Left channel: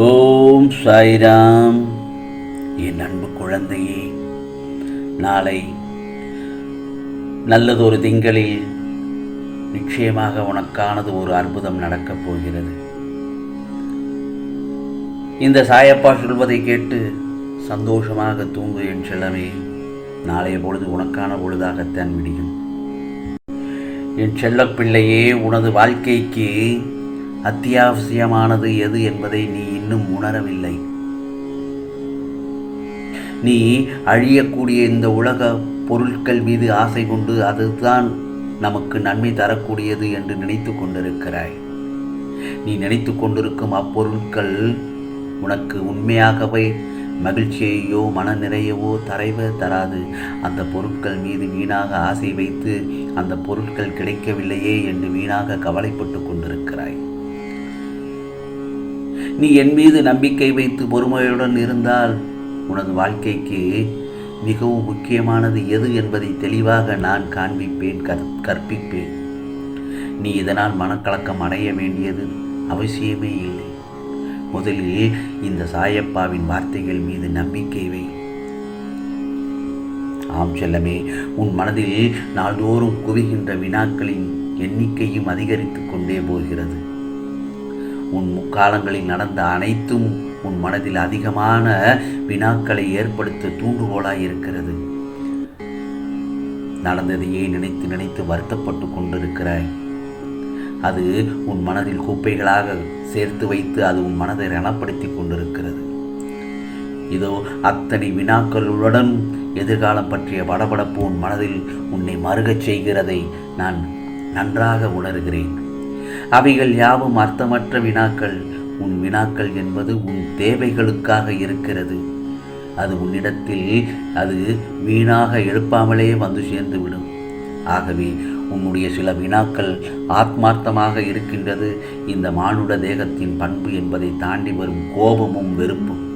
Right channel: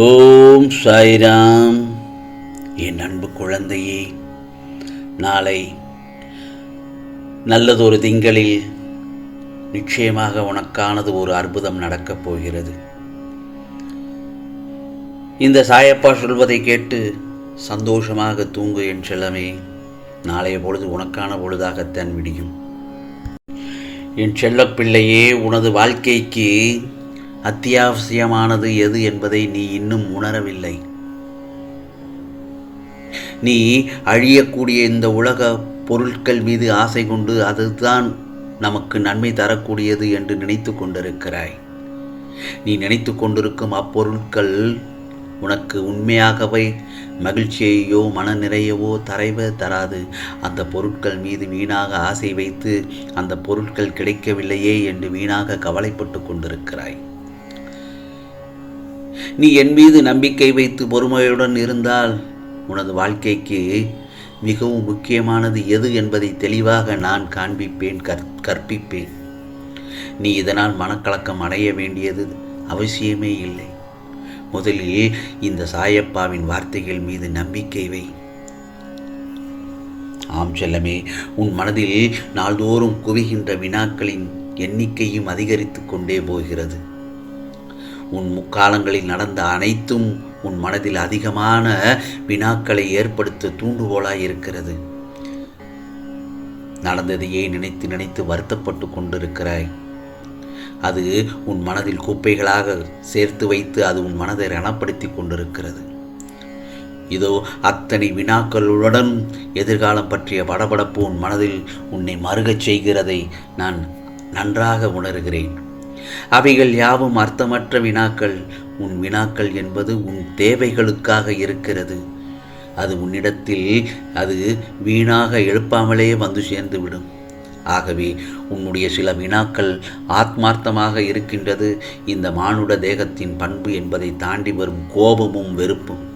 ஓம் சாய்ராம். என் அன்பு குழந்தையே நாளை நல்லதொரு திங்களில் நிச்சயமாக உனக்கானது ஒரு அற்புதம் நடக்கப் போகிறது. இந்த சாயப்பா சொல்வதை கேட்டு சந்தோஷமாக தூங்கு என் செல்லமே நாளைய பொழுது உனக்கான பொழுதாகத்தான் விடியும். என் செல்லப்பிள்ளையே உனது வாழ்க்கைக்கு அத்தியாவசியமானது எது என்பதை நீ இன்னும் உணரவில்லை. நீ அழியக்கூடிய இந்த உலக பொருட்கள் மீது ஆசை கொண்டு அதுதான் நமக்கு நன்மை தரக்கூடியது என்று நினைத்து கொண்டிருக்கிறாய். நீ நினைத்து கொண்டிருக்கும் அப்பொருட்கள் உனக்கு உண்மையாகவே மகிழ்ச்சியையோ மன நிறையவோ தரைவ தராது. அந்த பொருட்கள் மீது வீணாக ஆசை வைத்து அந்த பொருட்கள் கிடைக்கவில்லையே என்று வீணாக கவலைப்பட்டு கொண்டிருக்கிறாய். நீ என் மீது நம்பிக்கை வைத்து பொறுமையுடன் இருந்தால் உனது வாழ்க்கைக்கு மிகவும் முக்கியமானது எது என்பதை தெளிவாக நான் காண்பிப்பேன் கற் கற்பிப்பேன். நீ இதனால் மனக்கலக்கம் அடைய வேண்டியது அவசியமே இல்லை. முதலில் இந்த சாயப்பாவின் வார்த்தைகள் மீது நம்பிக்கை வை. ஆம் செல்லமே உன் மனதில் நாள்தோறும் குவிகின்ற வினாக்களின் எண்ணிக்கையும் அதிகரித்து கொண்டே போகிறது. உன் முக்காலங்களில் நடந்த அனைத்தும் உன் மனதில் அதிகமான வினாக்களை ஏற்படுத்த தூண்டுகோலாய் இருக்கிறது நடந்ததையே நினைத்து நினைத்து வருத்தப்பட்டு கொண்டிருக்கிறாய். அது உன் மனதில் குப்பைகளாக சேர்த்து வைத்து அது உன் மனதை ரணப்படுத்தி கொண்டிருக்கிறது. இதோ அத்தனை வினாக்களுடன் எதிர்காலம் பற்றிய படபடப்பு உன் மனதில் உன்னை மறுகச் செய்கிறதை நான் நன்றாக உணர்கிறேன். அவைகள் யாவும் அர்த்தமற்ற வினாக்கள். உன் வினாக்கள் என்பது உன் தேவைகளுக்காக இருக்கிறது. அது உன்னிடத்தில் அது வீணாக எழுப்பாமலே வந்து சேர்ந்துவிடும். ஆகவே உன்னுடைய சில வினாக்கள் ஆத்மார்த்தமாக இருக்கின்றது. இந்த மானுட தேகத்தின் பண்பு என்பதை தாண்டி வரும் கோபமும் வெறுப்பும்.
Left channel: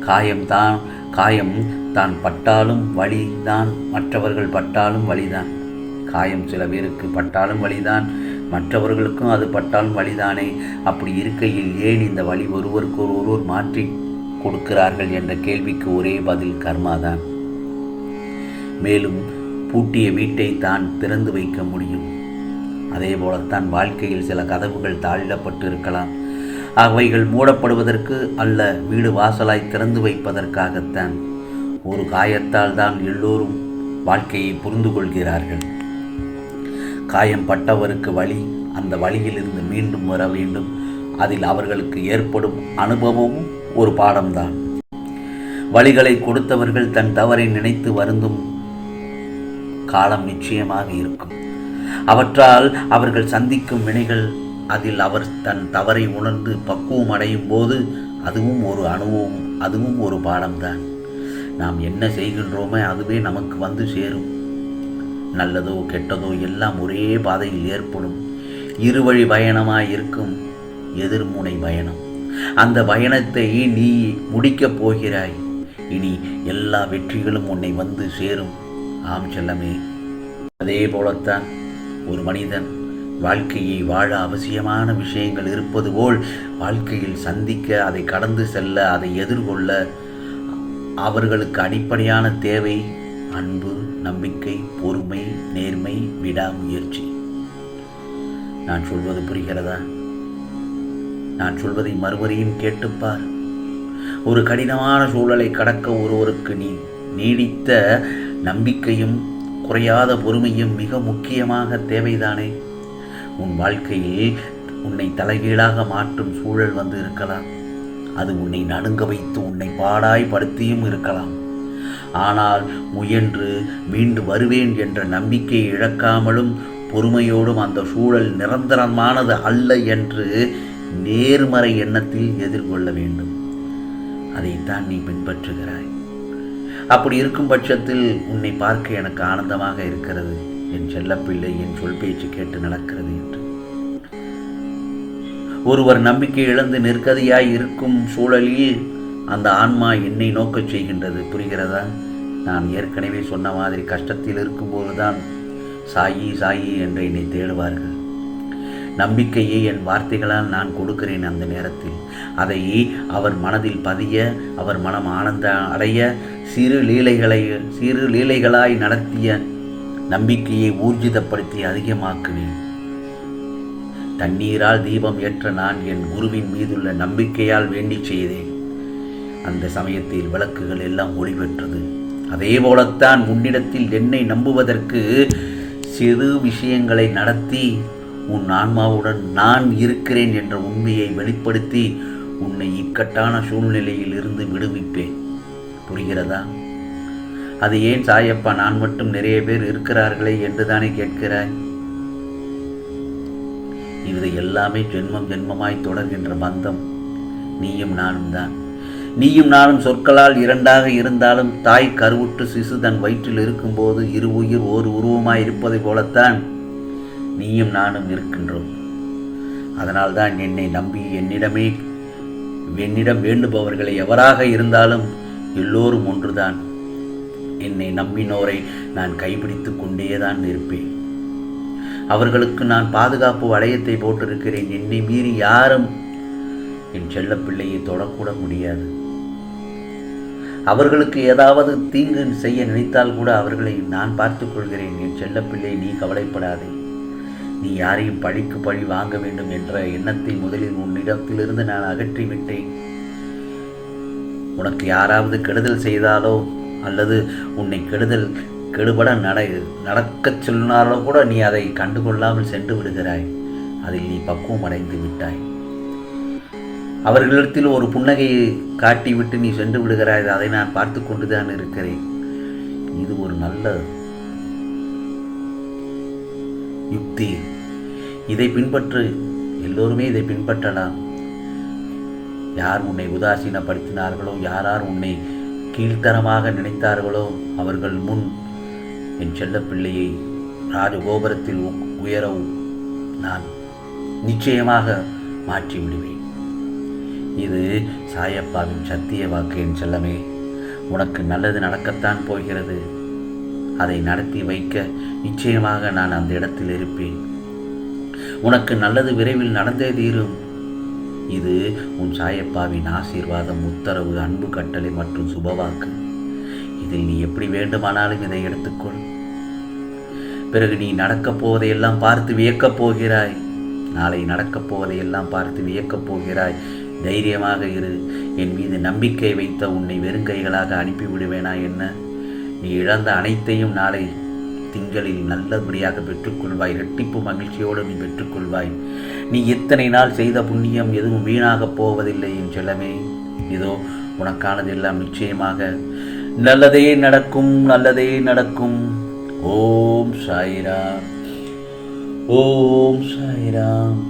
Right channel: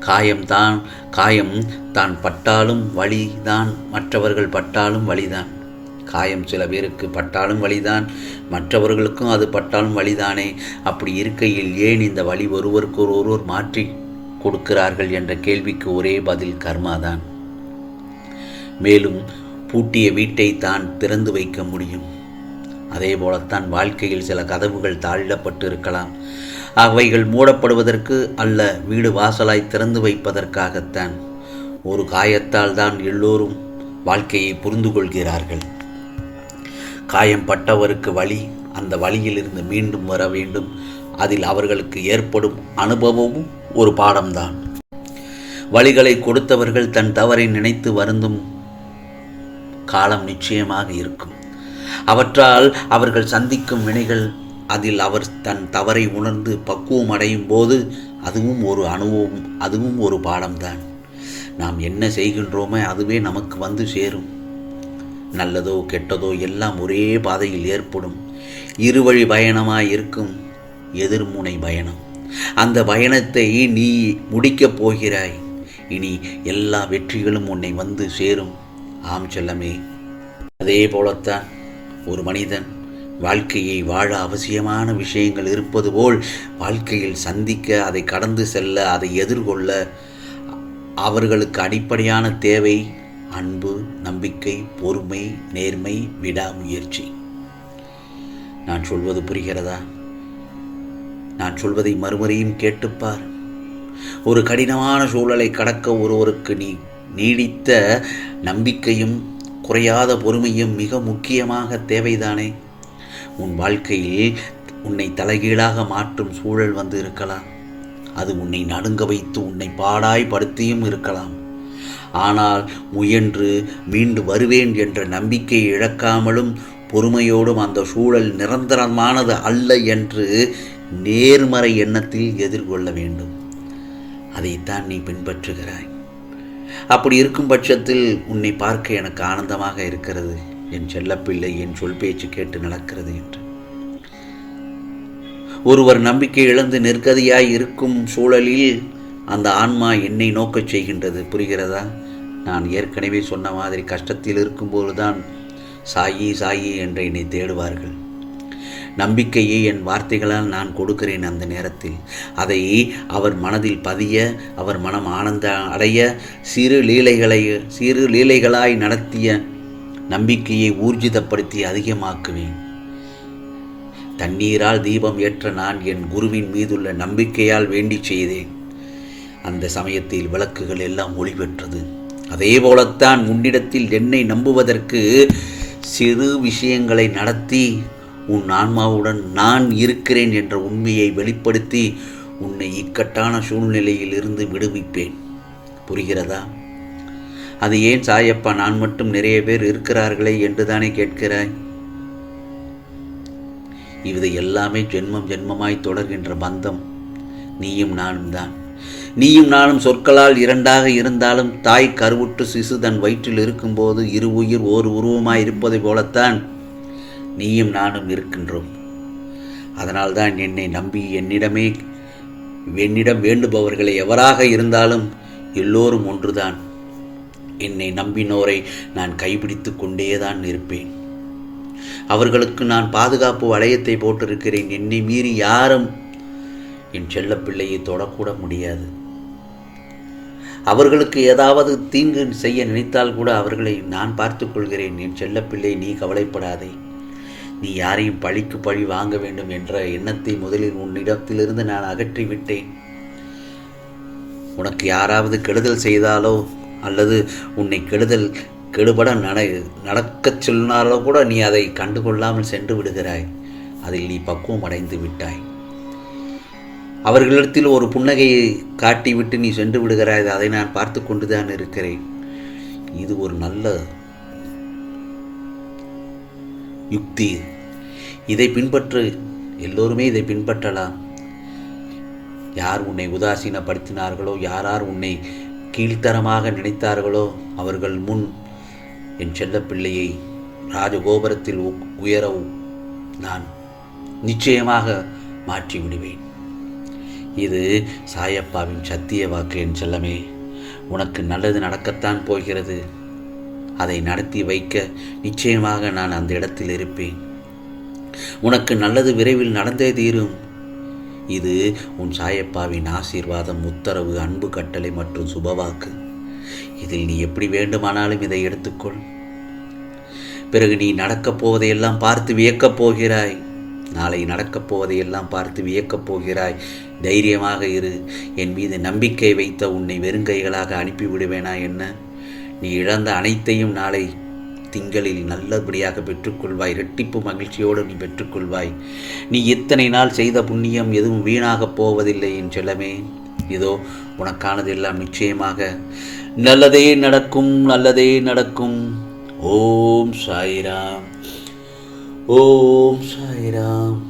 காயம்தான் காயம் தான் பட்டாலும் வழிதான் மற்றவர்கள் பட்டாலும் வழிதான். காயம் சில பேருக்கு பட்டாலும் வழிதான் மற்றவர்களுக்கும் அது பட்டாலும் வழிதானே அப்படி இருக்கையில் ஏன் இந்த வழி ஒருவருக்கு ஒருவர் மாற்றி கொடுக்கிறார்கள் என்ற கேள்விக்கு ஒரே பதில் கர்மாதான். மேலும் பூட்டிய வீட்டை தான் திறந்து வைக்க முடியும். அதே போலத்தான் வாழ்க்கையில் சில கதவுகள் தாழிடப்பட்டு இருக்கலாம் அவைகள் மூடப்படுவதற்கு அல்ல வீடு வாசலாய் திறந்து வைப்பதற்காகத்தான். ஒரு காயத்தால் தான் எல்லோரும் வாழ்க்கையை புரிந்து கொள்கிறார்கள் காயம் பட்டவருக்கு வழி அந்த வழியிலிருந்து மீண்டும் வர வேண்டும். அதில் அவர்களுக்கு ஏற்படும் அனுபவமும் ஒரு பாடம்தான். வழிகளை கொடுத்தவர்கள் தன் தவறை நினைத்து வருந்தும் காலம் நிச்சயமாக இருக்கும். அவற்றால் அவர்கள் சந்திக்கும் வினைகள் அதில் அவர் தன் தவறை உணர்ந்து பக்குவம் அடையும் போது அதுவும் ஒரு அனுபவம் அதுவும் ஒரு பாடம்தான். நாம் என்ன செய்கின்றோமோ அதுவே நமக்கு வந்து சேரும். நல்லதோ கெட்டதோ எல்லாம் ஒரே பாதையில் ஏற்படும். இருவழி பயணமாக இருக்கும் எதிர்முனை பயணம். அந்த பயணத்தை நீ முடிக்கப் போகிறாய். இனி எல்லா வெற்றிகளும் உன்னை வந்து சேரும். ஆம் செல்லமே. அதே போலத்தான் ஒரு மனிதன் வாழ்க்கையை வாழ அவசியமான விஷயங்கள் இருப்பது போல் வாழ்க்கையில் சந்திக்க அதை கடந்து செல்ல அதை எதிர்கொள்ள அவர்களுக்கு அடிப்படையான தேவை அன்பு நம்பிக்கை பொறுமை நேர்மை விடாமுயற்சி. நான் சொல்வது புரிகிறதா? நான் சொல்வதை மறுமுறையும் கேட்டுப்பார் ஒரு கடினமான சூழலை கடக்க ஒருவருக்கு நீ நீடித்த நம்பிக்கையும் குறையாத பொறுமையும் மிக முக்கியமாக தேவைதானே? உன் வாழ்க்கையில் உன்னை தலைகீழாக மாற்றும் சூழல் வந்து இருக்கலாம். அது உன்னை நடுங்க வைத்து உன்னை பாடாய் படுத்தியும் இருக்கலாம். ஆனால் முயன்று மீண்டு வருவேன் என்ற நம்பிக்கையை இழக்காமலும் பொறுமையோடும் அந்த சூழல் நிரந்தரமானது அல்ல என்று நேர்மறை எண்ணத்தில் எதிர்கொள்ள வேண்டும். அதைத்தான் நீ பின்பற்றுகிறாய். அப்படி இருக்கும் பட்சத்தில் உன்னை பார்க்க எனக்கு ஆனந்தமாக இருக்கிறது. என் செல்லப்பிள்ளை என் சொல் பேச்சு கேட்டு நடக்கிறது என்று. ஒருவர் நம்பிக்கை இழந்து நெருக்கதியாய் இருக்கும் சூழலில் அந்த ஆன்மா என்னை நோக்கச் செய்கின்றது. புரிகிறதா? நான் ஏற்கனவே சொன்ன மாதிரி கஷ்டத்தில் இருக்கும்போது தான் சாயி சாயி என்று என்னை தேடுவார்கள். நம்பிக்கையை என் வார்த்தைகளால் நான் கொடுக்கிறேன் அந்த நேரத்தில். அதை அவர் மனதில் பதிய அவர் மனம் ஆனந்த அடைய சிறு லீலைகளை சிறு லீலைகளாய் நடத்திய நம்பிக்கையை ஊர்ஜிதப்படுத்தி அதிகமாக்குவேன். தண்ணீரால் தீபம் ஏற்ற நான் என் குருவின் மீதுள்ள நம்பிக்கையால் வேண்டி செய்தேன். அந்த சமயத்தில் விளக்குகள் எல்லாம் ஒளி பெற்றது அதே போலத்தான் உன்னிடத்தில் என்னை நம்புவதற்கு சிறு விஷயங்களை நடத்தி உன் ஆன்மாவுடன் நான் இருக்கிறேன் என்ற உண்மையை வெளிப்படுத்தி உன்னை இக்கட்டான சூழ்நிலையில் இருந்து விடுவிப்பேன். புரிகிறதா? அது ஏன் சாயப்பா நான் மட்டும் நிறைய பேர் இருக்கிறார்களே என்று தானே கேட்கிறாய்? இது எல்லாமே ஜென்மம் ஜென்மமாய் தொடர்கின்ற பந்தம். நீயும் நானும் தான் நீயும் நானும் சொற்களால் இரண்டாக இருந்தாலும் தாய் கருவுற்று சிசு தன் வயிற்றில் இருக்கும்போது இரு உயிர் ஒரு உருவமாய் இருப்பதை போலத்தான் நீயும் நானும் இருக்கின்றோம். அதனால்தான் என்னை நம்பி என்னிடமே என்னிடம் வேண்டுபவர்களை எவராக இருந்தாலும் எல்லோரும் ஒன்றுதான். என்னை நம்பினோரை நான் கைப்பிடித்து கொண்டேதான் இருப்பேன். அவர்களுக்கு நான் பாதுகாப்பு வளையத்தை போட்டிருக்கிறேன். என்னை மீறி யாரும் என் செல்லப்பிள்ளையை தொடக்கூட முடியாது. அவர்களுக்கு ஏதாவது தீங்கு செய்ய நினைத்தால் கூட அவர்களை நான் பார்த்து கொள்கிறேன். என் செல்லப்பிள்ளை நீ கவலைப்படாதே. நீ யாரையும் பழிக்கு பழி வாங்க வேண்டும் என்ற எண்ணத்தை முதலில் உன்னிடத்திலிருந்து நான் அகற்றி விட்டேன். உனக்கு யாராவது கெடுதல் செய்தாலோ அல்லது உன்னை கெடுதல் கெடுபட நட நடக்கச் சொன்னாலோ கூட நீ அதை கண்டுகொள்ளாமல் சென்று விடுகிறாய். அதில் நீ பக்குவம் அடைந்து விட்டாய். அவர்களிடத்தில் ஒரு புன்னகையை காட்டிவிட்டு நீ சென்று விடுகிறாய். அதை நான் பார்த்து கொண்டுதான் இருக்கிறேன். இது ஒரு நல்ல யுக்தி. இதை பின்பற்று எல்லோருமே இதை பின்பற்றலாம். யார் உன்னை உதாசீனப்படுத்தினார்களோ யாரார் உன்னை கீழ்த்தரமாக நினைத்தார்களோ அவர்கள் முன் என் செல்லப்பிள்ளையை ராஜகோபுரத்தில் உயரவும் நான் நிச்சயமாக மாற்றி விடுவேன் இது சாயப்பாவின் சத்திய வாக்கு என் செல்லமே. உனக்கு நல்லது நடக்கத்தான் போகிறது. அதை நடத்தி வைக்க நிச்சயமாக நான் அந்த இடத்தில் இருப்பேன். உனக்கு நல்லது விரைவில் நடந்தே தீரும். இது உன் சாயப்பாவின் ஆசீர்வாதம் உத்தரவு அன்பு கட்டளை மற்றும் சுபவாக்கு. இதில் நீ எப்படி வேண்டுமானாலும் இதை எடுத்துக்கொள். பிறகு நீ நடக்கப் போவதையெல்லாம் பார்த்து வியக்கப் போகிறாய். நாளை நடக்கப் போவதையெல்லாம் பார்த்து வியக்கப் போகிறாய். தைரியமாக இரு. என் மீது நம்பிக்கை வைத்த உன்னை வெறுங்கைகளாக அனுப்பிவிடுவேனா என்ன? நீ இழந்த அனைத்தையும் நாளை திங்களில் நல்லபடியாக பெற்றுக்கொள்வாய். இரட்டிப்பு மகிழ்ச்சியோடு நீ பெற்றுக்கொள்வாய். நீ இத்தனை நாள் செய்த புண்ணியம் எதுவும் வீணாகப் போவதில்லை என் செல்லமே. இதோ உனக்கானதெல்லாம் நிச்சயமாக நல்லதே நடக்கும் நல்லதே நடக்கும். ஓம் சாய்ராம். ஓம் சாய்ராம்.